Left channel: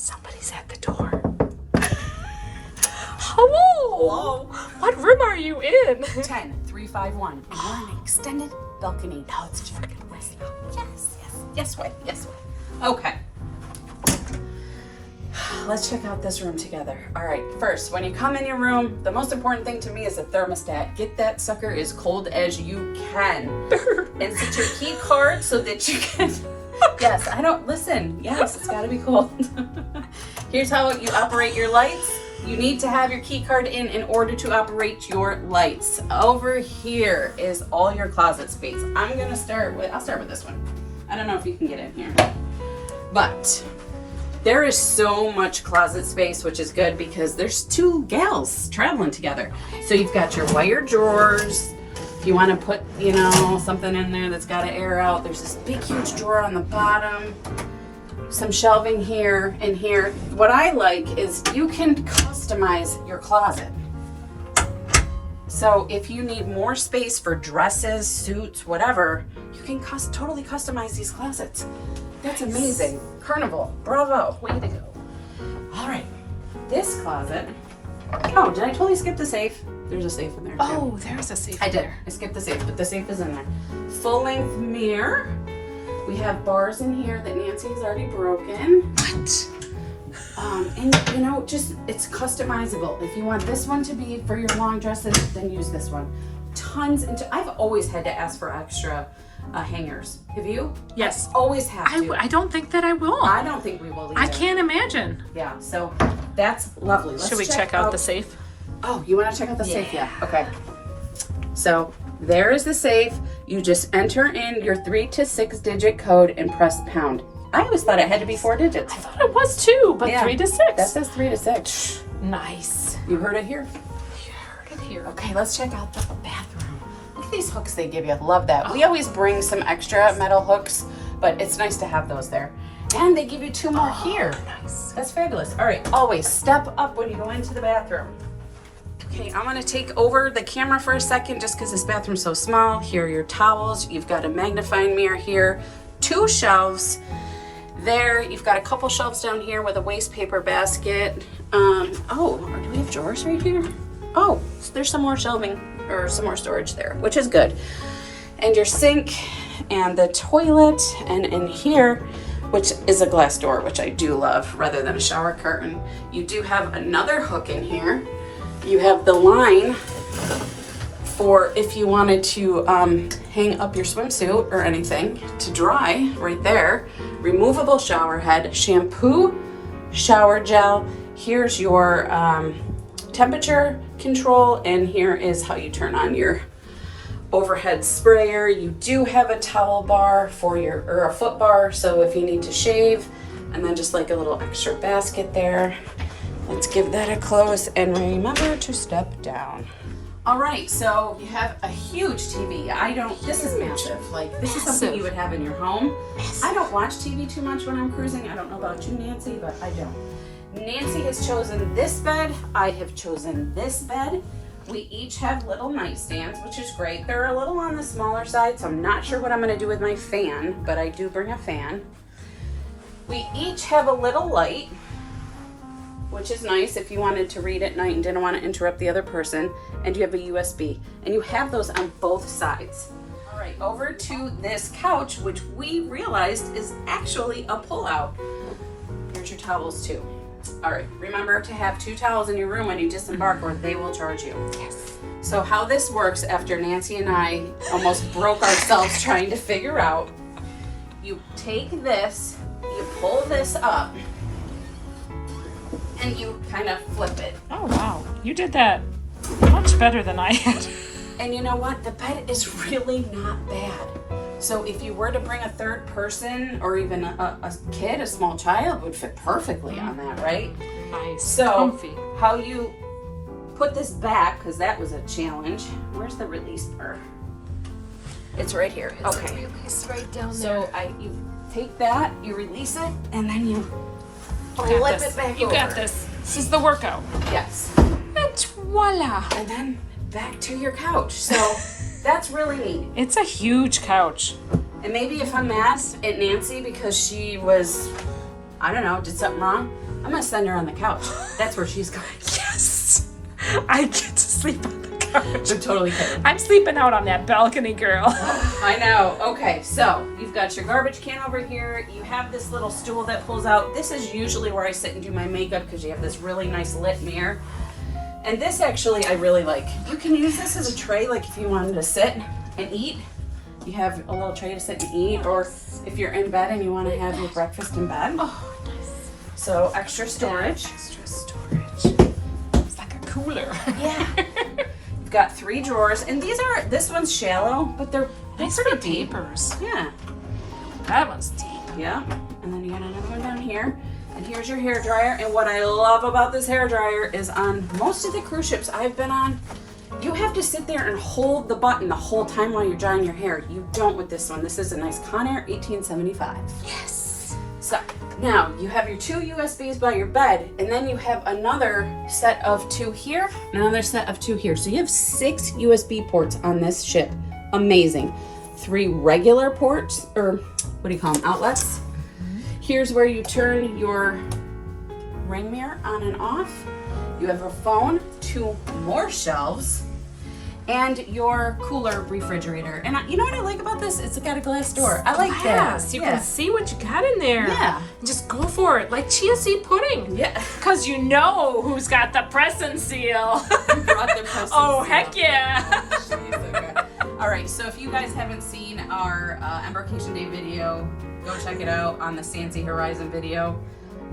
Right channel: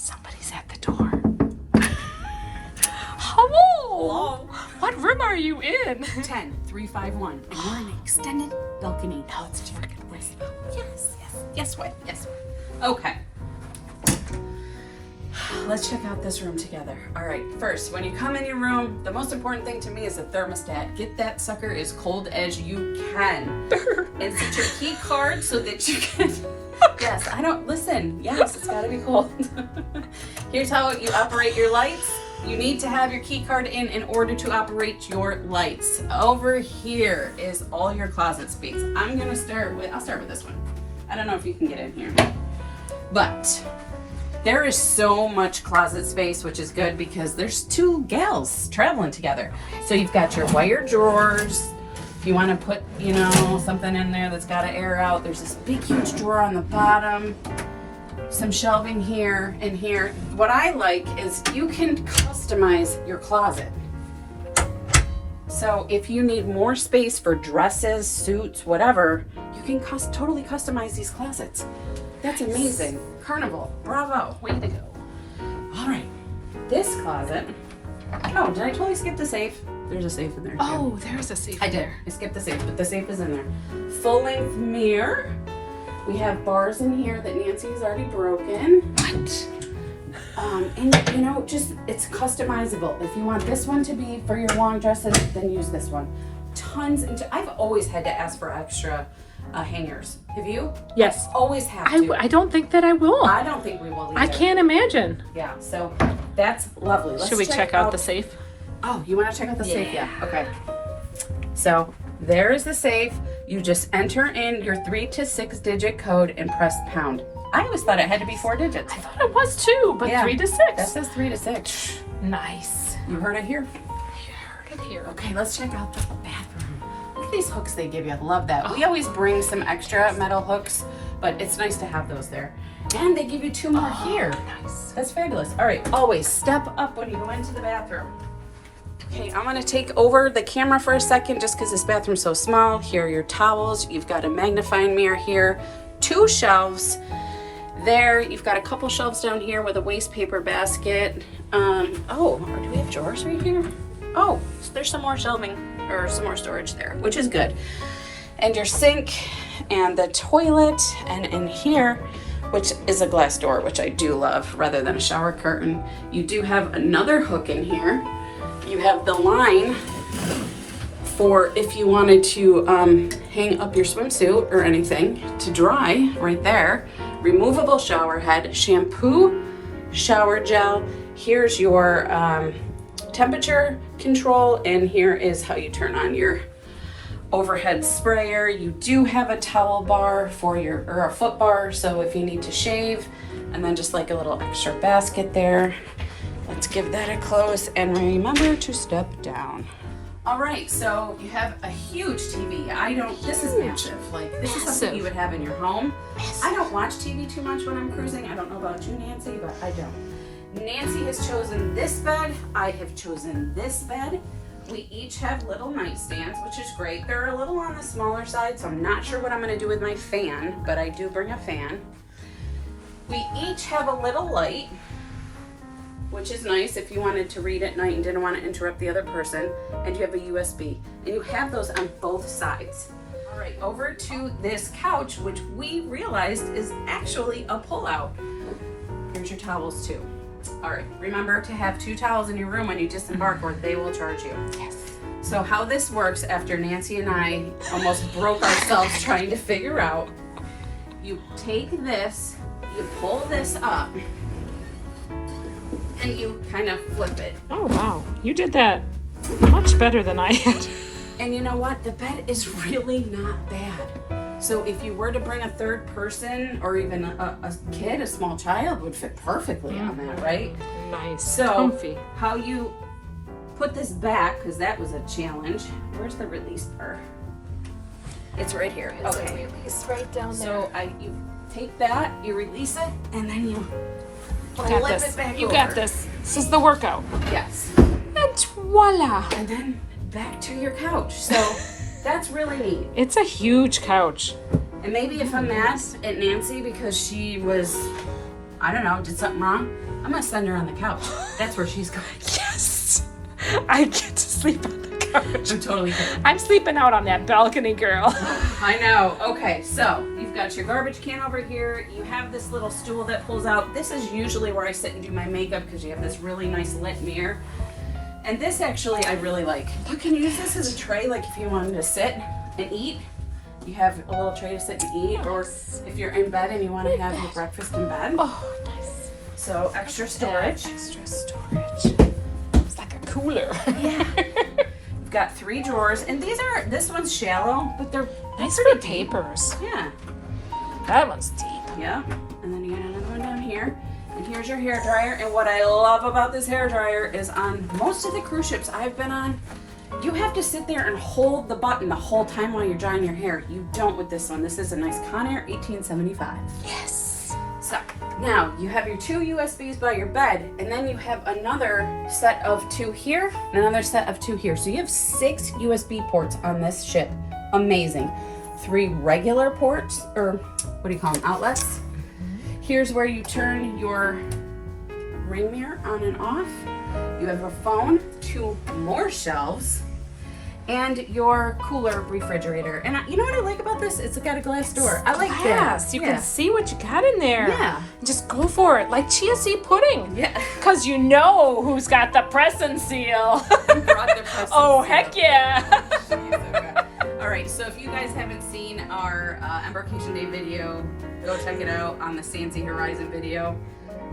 Somebody's at the door. Hello. What room are you in? 10351. And we're in an extended balcony. Now let's freaking Yes. Yes, what? Yes, what? Okay. Let's check out this room together. All right, first, when you come in your room, the most important thing to me is the thermostat. Get that sucker as cold as you can. And set your key card so that you can... Yes, yes, it's gotta be cold. Here's how you operate your lights. You need to have your key card in order to operate your lights. Over here is all your closet space. I'll start with this one. I don't know if you can get in here, but there is so much closet space, which is good because there's two gals traveling together. So you've got your wire drawers. If you want to put, something in there that's got to air out, there's this big, huge drawer on the bottom. Some shelving here and here. What I like is you can customize your closet. So if you need more space for dresses, suits, whatever, you can totally customize these closets. That's amazing. Carnival, bravo, way to go. All right, this closet. Oh, did I totally skip the safe? There's a safe in there too. Oh, there's a safe in there. I skipped the safe, but the safe is in there. Full-length mirror. We have bars in here that Nancy has already broken. What? And it's customizable. If you want this one to be for your long dresses, then use this one. I've always had to ask for extra hangers. Have you? Yes. Always have to. I don't think that I will. I don't think we will either. I can't imagine. Yeah, so that's lovely. Should we check out the safe? Oh, you want to check out the safe? Yeah. Okay. So there is the safe. You just enter in your 3 to 6 digit code and press pound. I always thought it had to be 4 digits. I thought it was 2, but 3 to 6. That says 3 to 6. Nice. You heard it here? You heard it here. Okay, let's check out the bathroom. Look at these hooks they give you. Love that. We always bring some extra metal hooks, but it's nice to have those there. And they give you 2 more here. Nice. That's fabulous. All right, always step up when you go into the bathroom. Okay, I'm gonna take over the camera for a second just because this bathroom's so small. Here are your towels. You've got a magnifying mirror here, 2 shelves there. You've got a couple shelves down here with a waste paper basket. Do we have drawers right here? Oh, so there's some more shelving or some more storage there, which is good. And your sink and the toilet, and in here, which is a glass door, which I do love rather than a shower curtain. You do have another hook in here. You have the line for if you wanted to hang up your swimsuit or anything to dry right there. Removable shower head, shampoo, shower gel. Here's your temperature control, and here is how you turn on your overhead sprayer. You do have a towel bar or a foot bar, so if you need to shave, and then just like a little extra basket there. Let's give that a close and remember to step down. All right, so you have a huge TV. This is massive. Like, this is something you would have in your home. I don't watch TV too much when I'm cruising. I don't know about you, Nancy, but I don't. Nancy has chosen this bed. I have chosen this bed. We each have little nightstands, which is great. They're a little on the smaller side, so I'm not sure what I'm gonna do with my fan, but I do bring a fan. We each have a little light, which is nice if you wanted to read at night and didn't want to interrupt the other person. And you have a USB, and you have those on both sides. All right, over to this couch, which we realized is actually a pull-out. Here's your towels too. All right, remember to have 2 towels in your room when you disembark, or they will charge you. Yes. So how this works, after Nancy and I almost broke ourselves trying to figure out, you take this, you pull this up, and you kind of flip it. Oh, wow. You did that much better than I had. And you know what? The bed is really not bad. So if you were to bring a third person or even a kid, a small child, would fit perfectly on that, right? Nice. So comfy. how you put this back, because that was a challenge. Where's the release bar? It's right here. Okay. It's right down there. So you take that, you release it, and then you You got flip this. it back You over. got this. This is the workout. Yes. And voila. And then back to your couch. So that's really neat. It's a huge couch. And maybe if I'm mad at Nancy because she was I don't know, did something wrong, I'm gonna send her on the couch. That's where she's going. Yes. I get to sleep on the couch. I'm totally kidding. I'm sleeping out on that balcony, girl. I know. Okay, so you've got your garbage can over here. You have this little stool that pulls out. This is usually where I sit and do my makeup because you have this really nice lit mirror. And this actually I really like. You can use this as a tray, like if you wanted to sit and eat. You have a little tray to sit and eat, or if you're in bed and you want to have your breakfast in bed. Oh, nice. So extra storage. Extra storage. It's like a cooler. Yeah. You've got 3 drawers, and this one's shallow, but they're Nice pretty for deep. papers. Yeah. That one's deep. Yeah. And then you got another one down here. And here's your hair dryer. And what I love about this hair dryer is on most of the cruise ships I've been on, you have to sit there and hold the button the whole time while you're drying your hair. You don't with this one. This is a nice Conair 1875. Yes. So now you have your 2 USBs by your bed, and then you have another set of 2 here, and another set of 2 here. So you have 6 USB ports on this ship. Amazing. 3 regular ports, or what do you call them, outlets. Here's where you turn your ring mirror on and off. You have a phone, 2 more shelves, and your cooler refrigerator. And you know what I like about this? It's got a glass door. I like Glass. that. You Yeah. can see what you got in there. Yeah. Just go for it, like chia seed pudding. Yeah. Because you know who's got the press and seal. You brought the press and Oh, seal. heck yeah. Jeez, okay. All right, so if you guys haven't seen our Embarkation Day video, go check it out on the Sansi Horizon video.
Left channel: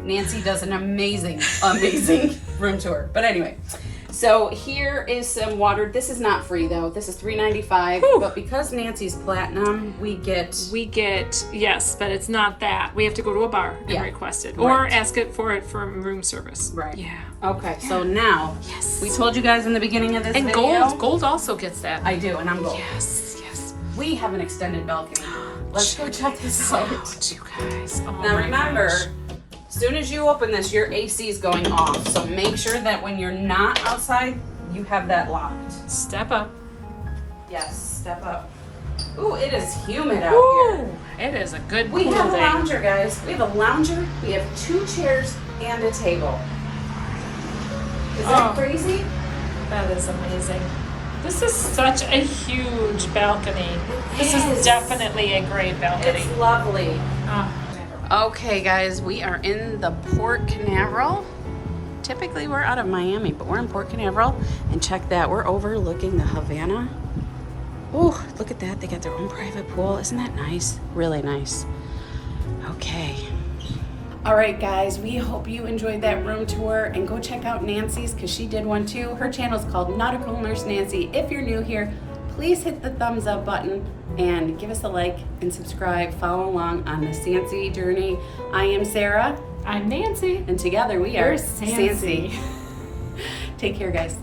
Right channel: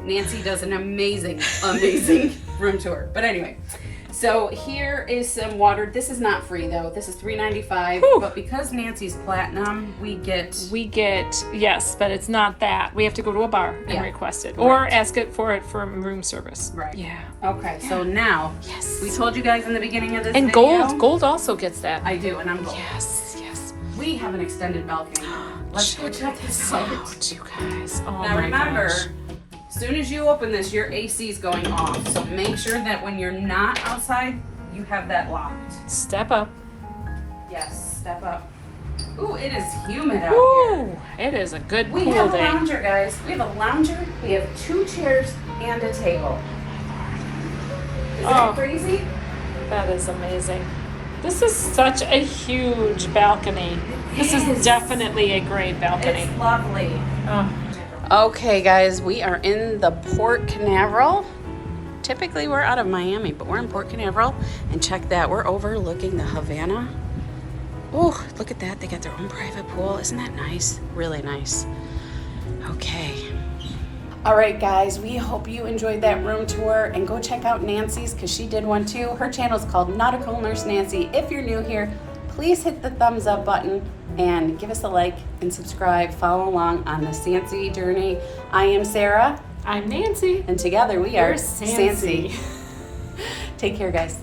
Nancy does an amazing room tour. But anyway, so here is some water. This is not free though. This is $3.95. Whew. But because Nancy's platinum, we get Yes, but it's not that. We have to go to a bar and Yeah. request it. Or Right. ask it for room service. Right. Yeah. Okay, so now Yes. we told you guys in the beginning of this And video. gold also gets that. I do, and I'm gold. Yes, yes. We have an extended balcony. Let's go check this out. Out, you guys. Oh Now my remember, gosh. as soon as you open this, your AC is going off. So make sure that when you're not outside, you have that locked. Step up. Yes, step up. Ooh, it is humid out here. Ooh, it is a good We cool have a day. lounger, guys. We have a lounger, we have 2 chairs, and a table. Is Oh. that crazy? That is amazing. This is such a huge balcony. This is. is definitely a great balcony. It's lovely. Oh. Okay, guys, we are in the Port Canaveral. Typically, we're out of Miami, but we're in Port Canaveral. And check that, we're overlooking the Havana. Oh, look at that. They got their own private pool. Isn't that nice? Really nice. Okay. All right, guys, we hope you enjoyed that room tour. And go check out Nancy's, because she did one too. Her channel is called Nautical Nurse Nancy. If you're new here, please hit the thumbs up button and give us a like and subscribe. Follow along on the Sansi journey. I am Sarah. I'm Nancy. And together we are We're Sansi. Take care, guys.